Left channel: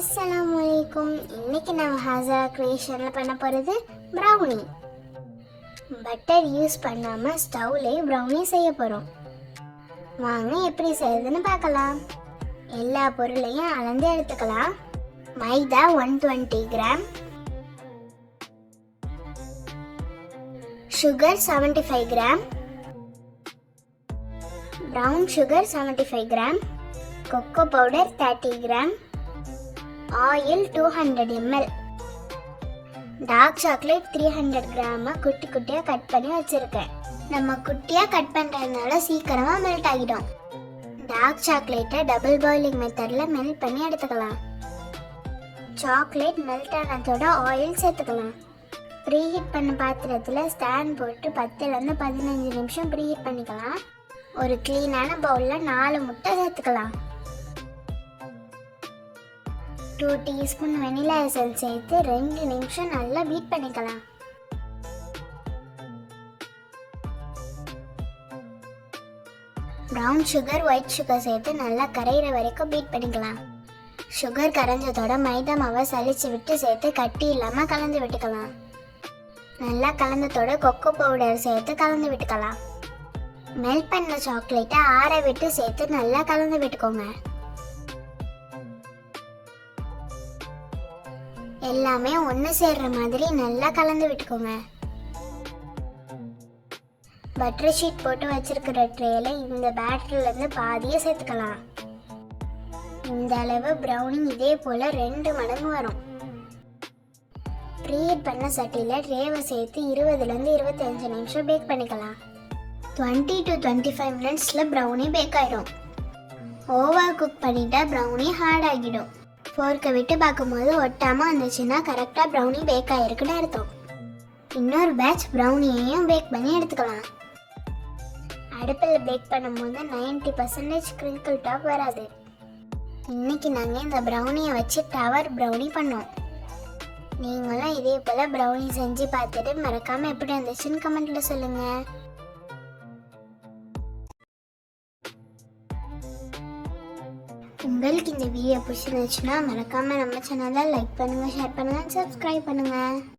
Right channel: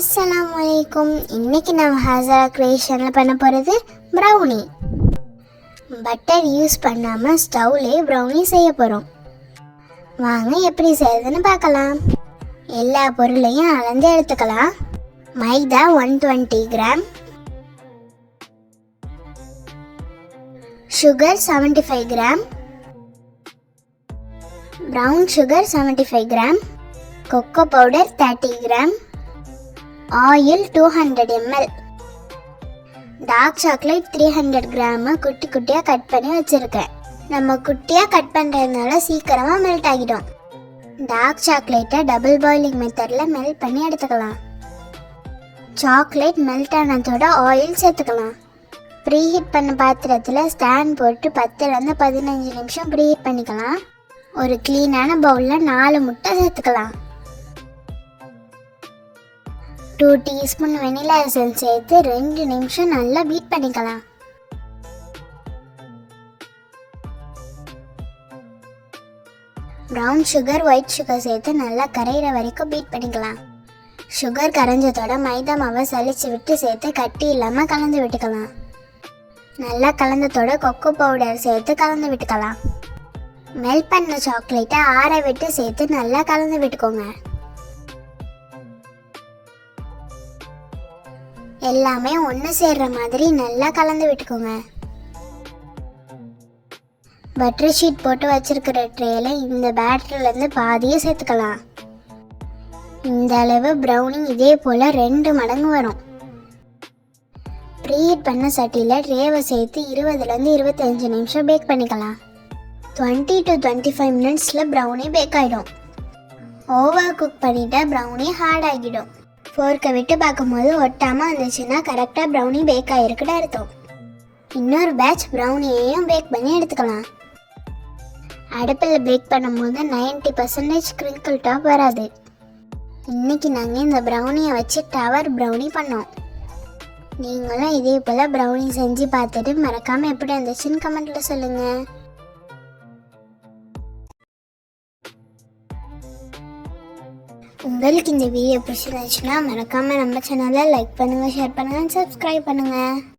அஸ்ஸலாமு அலைக்கும். இன்னைக்கு நம்ம ஹாசரா கிரியேஷனில் பண்ண போகிறது ப்ரௌனி. பட்டர் யூஸ் பண்ணாமல் ஸ்டவ்லேயே ப்ரௌனி செய்ய போகிறோம். வாங்க எப்படி செய்யறதுன்னு பார்க்கலாம். எல்லா பொருளையும் அளந்து எடுத்துக்கலாம். Maida 120 gram, sugar 75 gram, brown sugar 75 gram, cocoa powder 30 gram, oil 200 ml, dark chocolate 300 gram குட்டி குட்டியாக கட் பண்ணி வச்சுருக்கேன். நம்ம குட்டியாக கட் பண்ணுறதுனால சீக்கிரமாக மெல்ட் ஆகிடும். டார்க் சாக்லேட்டை டபுள் பாயிலிங் மெத்தடில் மெல்ட் பண்ணி எடுத்துக்கலாம். சாக்லேட் மெல்ட் ஆனதோட ஆயில் சேர்த்துக்கலாம். ப்ரீஹீட் பண்ண பாத்திரத்தில் ஸ்டாண்ட் போட்டு 10லேருந்து 15 நிமிஷம் ப்ரீஹீட் பண்ணிக்கலாம். ஒரு க்ளீனான பவுலில் 4 முட்டை சேர்த்துக்கலாம். 2 டீஸ்பூன் வெனிலா எசன்ஸ் சேர்த்து 2 நிமிஷம் நல்லா பீட் பண்ணிக்கலாம். ப்ரௌன் சுகர், ஒயிட் சுகர் சேர்த்து நல்லா கரையிற வரைக்கும் பீட் பண்ணிக்கலாம். சுகர் கரைஞ்சதோட மைதா மாவை சலிச்சு விட்டு சேர்த்து கட்டி இல்லாமல் கலந்து விட்டுக்கலாம். நல்லா கலந்ததோட கொக்கோ பவுடர் சேர்த்து கலந்து விட்டுக்கலாம். மெல்ட் பண்ண சாக்லேட்டை ஆற விட்டு சேர்த்து நல்லா கலந்து விட்டுக்கோங்க. எல்லாமே ஒன்று சேர்ற மாதிரி நல்லா கலந்து விட்டுக்கோங்க. பட்டர் ஷீட் போட்டு வச்சிருக்கிற ட்ரேல இந்த பேட்டர்லேருந்து பாதியை சேர்த்துக்கலாம். இந்த அளவு ப்ரௌனி இதே போல் 2 மடங்கு வரும். ப்ரீஹீட் பண்ண சட்டியில் ட்ரேவை சேர்த்து 20லேருந்து 25 நிமிஷம் பேக் பண்ணிக்கலாம். 20 to 25 மினிட்ஸில் ப்ரௌனி பேக் ஆகிடும். ஓவர் குக் பண்ணிட்டா ப்ரௌனி ஹார்ட் ஆகிடும். ஃபோர்க்கை விட்டு பார்க்கும்போது ஒட்டாமல் வந்துச்சுன்னா கரெக்டாக ப்ரௌனி பேக் ஆகிருக்குன்னு அர்த்தம். இன்னொரு பேட்ச் ப்ரௌனியையும் பேக் பண்ணி எடுத்துக்கலாம். அடுப்பில் பேக் பண்ணும்போது 90% கிரிங்கிள் டாப் வராது. இன்னைக்கு நாங்கள் இந்த ப்ரௌனியை வச்சு டவர் ப்ரௌனி பண்ணோம். நீங்களும் இதே போல் ப்ரௌனி செஞ்சு பார்த்துட்டு மறக்காமல் எப்படி வந்துச்சுன்னு கமெண்ட்டில் சொல்லுங்கள். உங்களுக்கு இந்த வீடியோ பிடிச்சிருந்துச்சுன்னா மறக்காமல் நம்ம சேனலை லைக் பண்ணுங்கள், ஷேர் பண்ணுங்கள், சப்ஸ்கிரைப் பண்ணுங்கள்.